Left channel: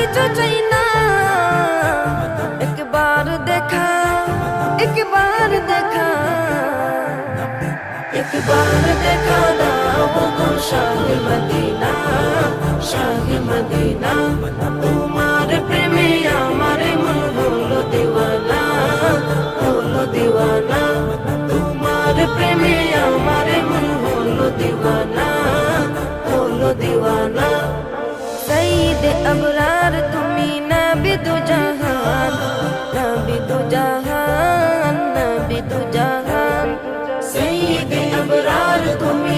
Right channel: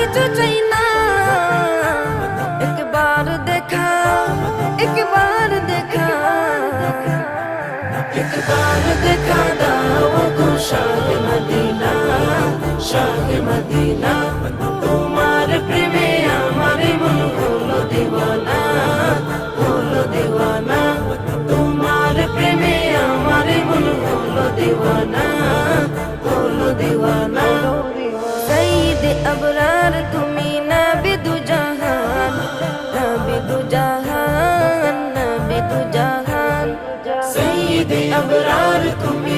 কিছু চাই না, একবার দেখা, একবার দেখা, একবার দেখা দাও গো শাহে মদিনা, শাহে মদিনা। তোমার প্রেমে আমার মন হলো দিওয়ানা, হলো দিওয়ানা। তোমার প্রেমে আমার মন হলো দিওয়ানা, হলো দিওয়ানা। সঈদ আবরার তুমি নবী দু জাহান, নবী দু জাহান, নবী দু জাহান। সঈদ আবরার তুমি